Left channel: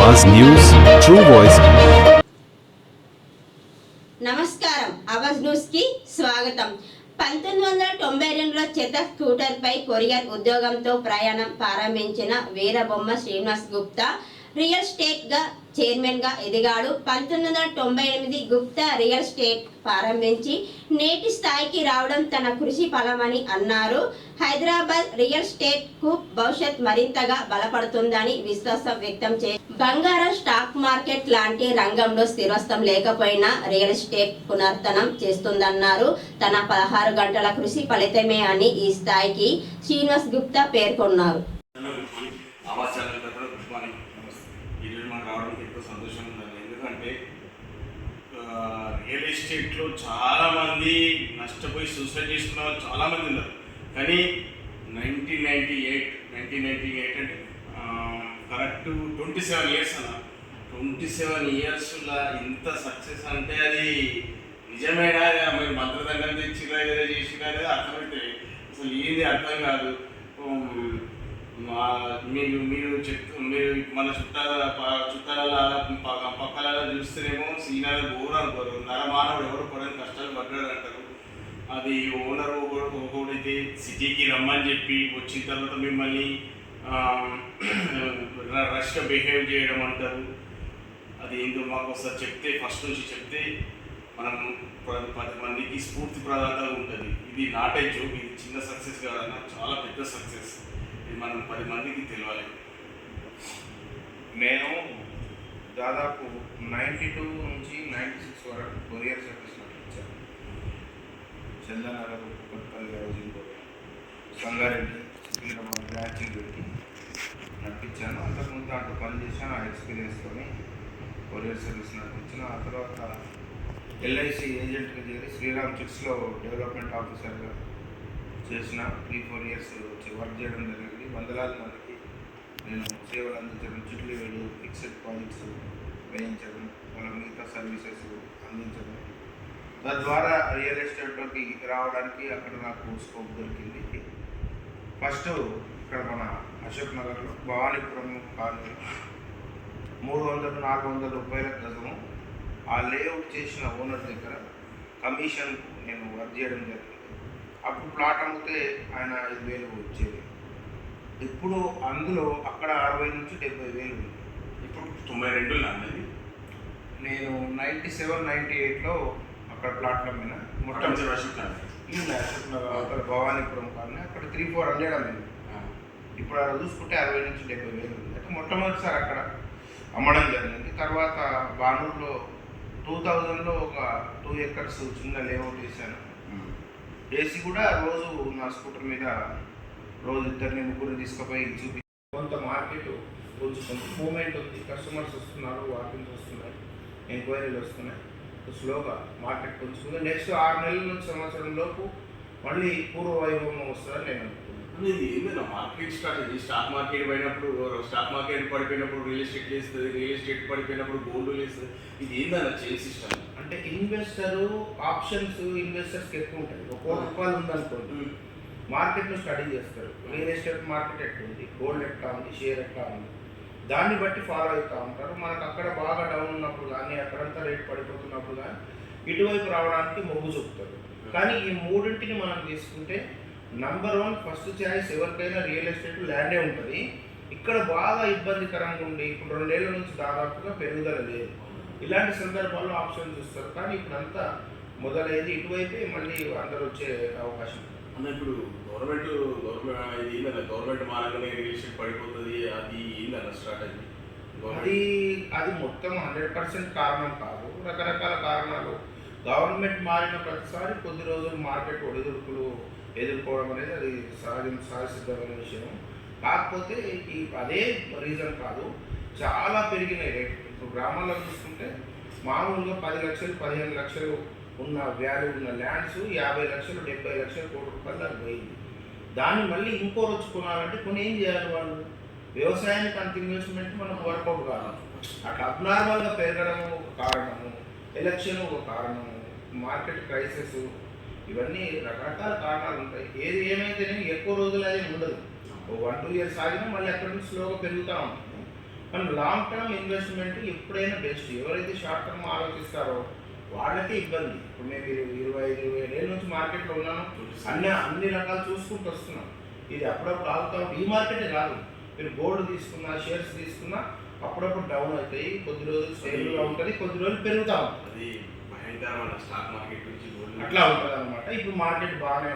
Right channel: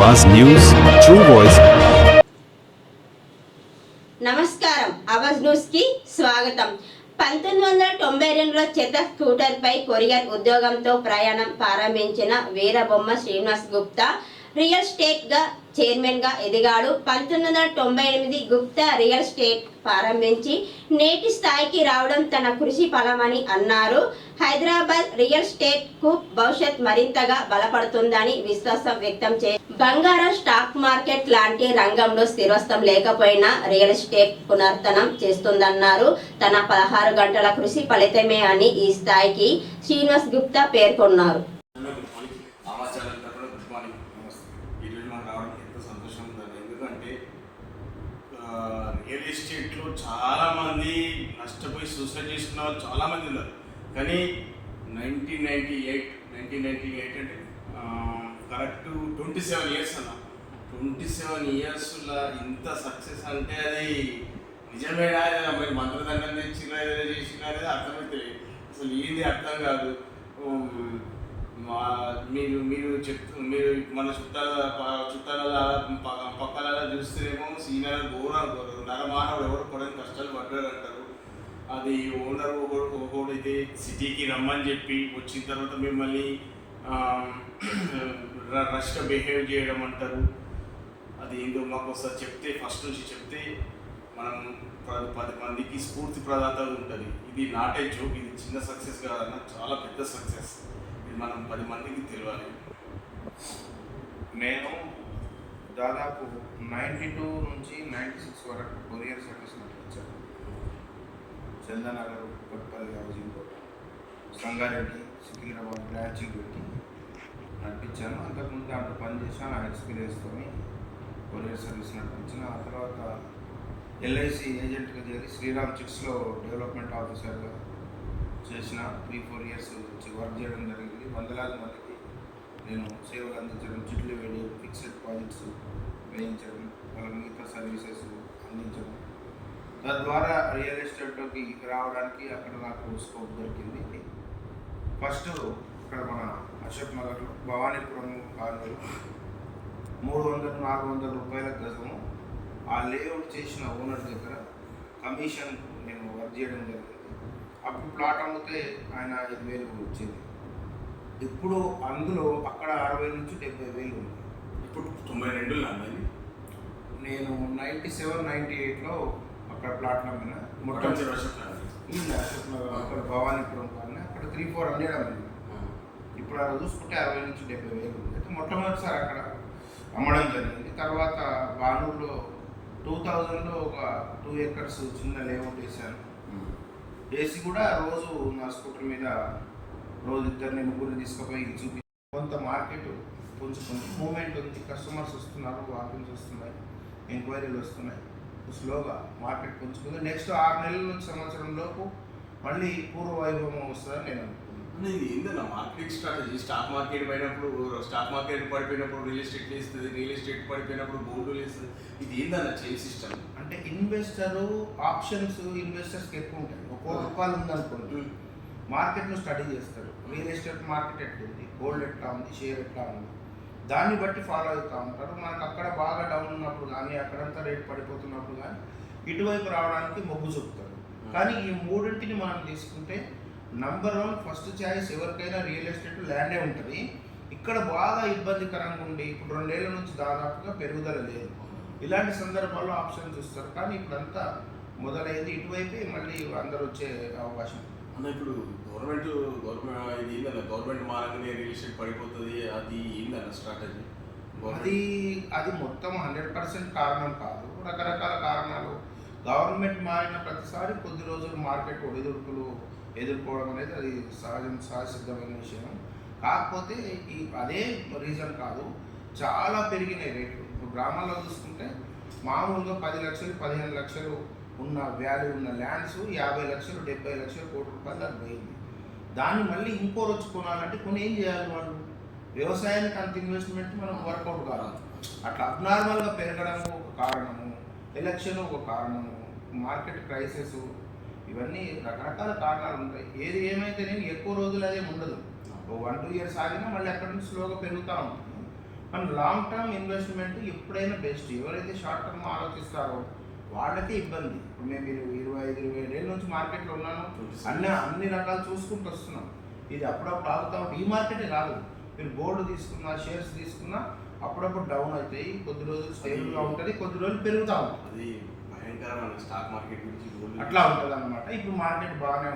అవాజ్ news true voice. నమస్కారం. అవాజ్ న్యూస్కి స్వాగతం. పంతొమ్మిది వందల తొంభై రెండులో చెత్త స్కూటర్ పై కొరియర్ ఉద్యోగంతో ప్రయాణం ప్రారంభించిన వీరబొమ్మ శ్రీనివాస్ గుప్తా రియల్ ఎస్టేట్గా చైర్మన్గా ఎదిగాడు. పంతొమ్మిది వందల తొంభై ఎనిమిది గుప్తా రియల్ ఎస్టేట్ ప్రారంభించి నేటి స్థాయికి రావడం తన కృషి ఫలమని అన్నారు. హైదరాబాద్ రియల్ స్టేట్కు భవిష్యత్ మరింతగా బలపడుతుందని విశ్వాసం వ్యక్తం చే బంగారం స్టాక్ మార్కెట్ లాంటి రంగంలో స్థిరత్వం లేకపోయినా రియల్ ఎస్టేట్ పునర్తనం చేస్తుందన్నారు. తన పదహారు గంటల కృషి ఫలితమే అని ఈ స్థాయికి శ్రీనివాస్ గుప్తా పేర్కొన్నారు. ఎస్టేట్లో చాలామంది నష్టపోయి సూసైడ్ చేసుకున్న వాళ్ళు చాలామంది ఉన్నారు. కానీ nineteen ninety eight nineteen ninety eight అంటే కరెక్ట్ ట్వంటీ సెవెన్ ఇయర్స్ అన్న. ట్వంటీ సెవెన్ ఇయర్స్లో ఇంత సక్సెస్ అంటే అది నిజమేనా? మీరు మంత్రదండం తెచ్చిరా చేసిరా అనేది అర్థమైతే అసలు ఏంది అర్థం కాదు. మీరు మీరు చెప్తూ మీరు మన చుట్టాల ప- చుట్టాల ప- పక్కల చూస్తేనేమో సీనాల ఘోరం ఘోరం నరమానవుడు ఎవరు కూడా కష్టాలు పడ్డాడు అంటారు. అది ఓనర్ ఒకడైతే సిటీకి రమ్మని చెప్పి వచ్చిన తర్వాత మిమ్మల్ని రష్గా బిహేవ్ చేయడం అంటారు. అది ఏందో మాకు ఒకసారి చెప్తే ఫస్ట్ నుంచి చెప్తే మనం పది పది మందికి స్ఫూర్తి ప్రదాత ఉంటుంది. ఇది నాటే జోక్ ఇది చిన్న సక్సెస్ కాదన్న చాలా పెద్ద సక్సెస్. మనం పది మందికి తెలియాలి నేను దాదాపు నైంటీ టూ నుంచి నైంటీ సిక్స్ వరకు courier service నడిపించాను Chandanagar Kothapalli housing board Sangareddy Secunderabad branching పెట్టి నడిపించాను. అంతకుముందు దాంట్లో పనిచేసాను ఆ ఎక్స్పీరియన్స్తో కొరియర్ సర్వీస్ నడిపించాను. ఆ తర్వాత ఎల్ఐసి ఏజెంట్గా చేరి శ్రీరామ్ చిట్స్లో డెవలప్మెంట్ ఆఫీసర్గా చేసిన త్రీ ఫోర్ ఇయర్స్ వచ్చి వర్క్ చేయడం జరిగింది. వందలాది మందికి నేను సేవలు అందించడం చిట్లు వేయడం ఫిక్స్డ్ ప్రాజెక్ట్స్ వేయించడం వాళ్ళ మిగతా సర్వీసెస్ అందించడం. తద్వారా రియల్ ఎస్టేట్లోకి రావడానికి అక్కడ నాకు స్కోప్ దొరికింది. ఫస్ట్ ఇక్కడ మన అశోక్ నగర్లో భవానీపురం కాలనీలో మూడు వందలు నాలుగు వందల రూపాయల గజము ఆ లేఅవుట్ చేసిన ఓనర్ దగ్గర కమిషన్కు నేను వర్క్ చేయడం జరిగింది. అప్పుడు ప్లాట్ అమ్మితే ఆయన ఐదు వేలు వచ్చేది ఇప్పుడు అందులో అక్కడ అరవై నుంచి డెబ్బై వేలు ఉంది. ఇప్పుడు తొంభై రెండు అన్నది నేను నైంటీ సెవెన్ నైంటీ ఎయిట్లో అక్కడ ప్లాట్ అమ్మిన. మొత్తం అశోక్ అక్కడ భవానీపురం కానీ అక్కడ త్రీ ఫోర్ హండ్రెడ్ అమ్మింది ఇప్పుడు అలా చూసుకుంటే అరవై నుంచి డెబ్బై వేలు ఉంది. అయితే మొట్టమొదటిసారి అక్కడ అమ్మడం జరిగింది. తర్వాత బానూర్లో టూ థౌజండ్లో ఒక టూ ఎకర్స్ చిన్న లేఅవుట్ వేశాను. ఏసీ కూడా రోజు నా స్కూటర్ మీద రోజు ఇద్దరిని ముగ్గురు తీసుకుపోయి చూపి కొంత మార్కెట్ కొంచెం కొంత మూమెంట్ ఉంది కస్టమర్స్ వస్తున్నారు వాకింగ్స్ వస్తున్నాయి ఎంక్వైరీలు వస్తున్నాయి. స్లోగా మార్కెట్ కొంచెం నెక్స్ట్ ఆరు నెలల నుంచి సంవత్సరం లోపు మళ్ళీ పూర్వ వైభవం వస్తుందని నేను అనుకుంటున్నాను. ఏందన్న మార్కెట్ స్ట్రాటజీ? స్టాక్ మార్కెట్ పోయినప్పుడు స్టాక్ మార్కెట్ పడిపోయినప్పుడు రియల్ ఎస్టేట్ లేస్తుంది రియల్ ఎస్టేట్ పడిపోయినప్పుడు గోల్డ్ లేస్తుంది. ఇది ఏందన్న చేల్ సిస్టమ్? అంటే ఇన్వెస్టర్ ఆప్షన్స్ ఇన్వెస్టర్స్కి ఎక్కువ ఉంటాయి. ఒక కోటి రూపాయలు ఉందనుకోండి మార్కెట్ను స్టడీ చేస్తారు. రియల్ ఎస్టేట్ మార్కెట్ ఎట్లుంది గోల్డ్ ఎట్లా ఉంది? షేర్ ఎట్లా ఉంది? దాన్ని బట్టి ఫాలో అవుతూ ఉంటారు. మనకు అక్కడ బాగా డౌన్ ఉన్నప్పుడు కానీ అక్కడంతా రేట్ పడిపోతున్నప్పుడు కానీ ఇటువైపు రావడానికి మొగ్గు చూపుతారు. కానీ ఈ మూడింటిని మనం తీసుకుంటే నంబర్ వన్ ఫస్ట్ ఛాయిస్ ఎవరికైనా రియల్ ఎస్టేట్ ల్యాండే ఉంటుంది. ఇక్కడ బాగా ఇబ్బందికరంగా ఉండి ఇప్పుడు రెండేళ్ళ నుంచి దాదాపుగా పెరుగుదల లేదు. ఇలాంటి సందర్భాల్లో ఆప్షన్ చూస్తారు కానీ ఇప్పుడు అంతా మొదలైంది. ఇటువైపే మళ్ళీ అందరూ వచ్చే అవకాశం. అన్న ఇప్పుడు గవర్నమెంట్ గవర్నమెంట్ ఇది ఏందన్న గవర్నమెంట్ మారంగానే రియల్ ఎస్టేట్ పడిపోతుంది. అది ఏందన్న స్ట్రాటజీ అది అది మొత్తం హండ్రెడ్ పర్సెంట్ కారణం కాదు. రకరకాల కారణాలు. గవర్నమెంట్ మారిన ప్రతిసారి కొద్ది రోజులు మార్కెట్ ఒడిదుడుకులు ఎదుర్కోవడం అనేది అది సహజం సహసిద్ధమైన విషయం. కాకపోతే ఈ అదే రీజన్ కాదు చాలా పెరిగినాయి రేట్లు. ఇప్పుడు గ్రామాల్లో చూసుకుంటే మామూలుగా పది లక్షలు పదిహేను లక్షలు ఉన్న వ్యాల్యూ ఉన్న ల్యాండ్స్ యాభై లక్షలు డెబ్బై లక్షలు కోటి రూపాయలు దానికి పోయింది. దాన్ని మళ్ళీ ఇంకో రోజు కొనాలంటే కొన్ని ఏం చేయాలి వాళ్ళు? వ్యవసాయానికి అంత ఇన్వెస్ట్మెంట్ మనం వర్కౌట్ కావాలి అట్లా అబ్నార్మల్గా పెరగడము ఒక కారణము. ఎలక్షన్ ఒక కారణము మార్కెట్ ప్రైసెస్ ఇవన్నీ రకరకాల కారణాలు ఉంటాయి. ఏది ఏమైతేనే ఎక్కువ రోజులు అనేది ఉండదు. వన్ టూ ఇయర్స్ ఆగినా మళ్ళీ అక్కడి నుంచి స్లోగా పెరుగుతూ ఉంటుంది మన లాంగ్ టర్మ్ ఇన్వెస్ట్మెంట్ ఎప్పుడైనా బెస్ట్ ఎవరైతే షార్ట్ టర్మ్ ఆలోచిస్తారో వాళ్ళకే ఇబ్బంది. ఇప్పుడు మేము ఇరు- ఇరవై ఐదు ఇరవై ఏళ్ళ నుంచి మార్కెట్లో ఉన్నాను. అన్ని అన్ని రకాలు చూసుకుంటూ వస్తున్నాం. ఇది అప్పుడప్పుడు ఆగుతా ఈ మార్కెటే రాదు మీరు గోల్డ్ తీసుకున్నా షేర్స్ తీసుకున్నా అప్పుడప్పుడు డౌన్ అవుతాయి కొద్ది రోజులు స్టేబుల్గా ఉంటుంది కొద్ది రోజులు పెరుగుతూ ఉంటుంది. అది భయంకరమైన స్టాక్ మార్కెట్ గురించి అట్లా ఉంటుంది అనమాట ఇప్పుడు మార్కెట్ బాగానే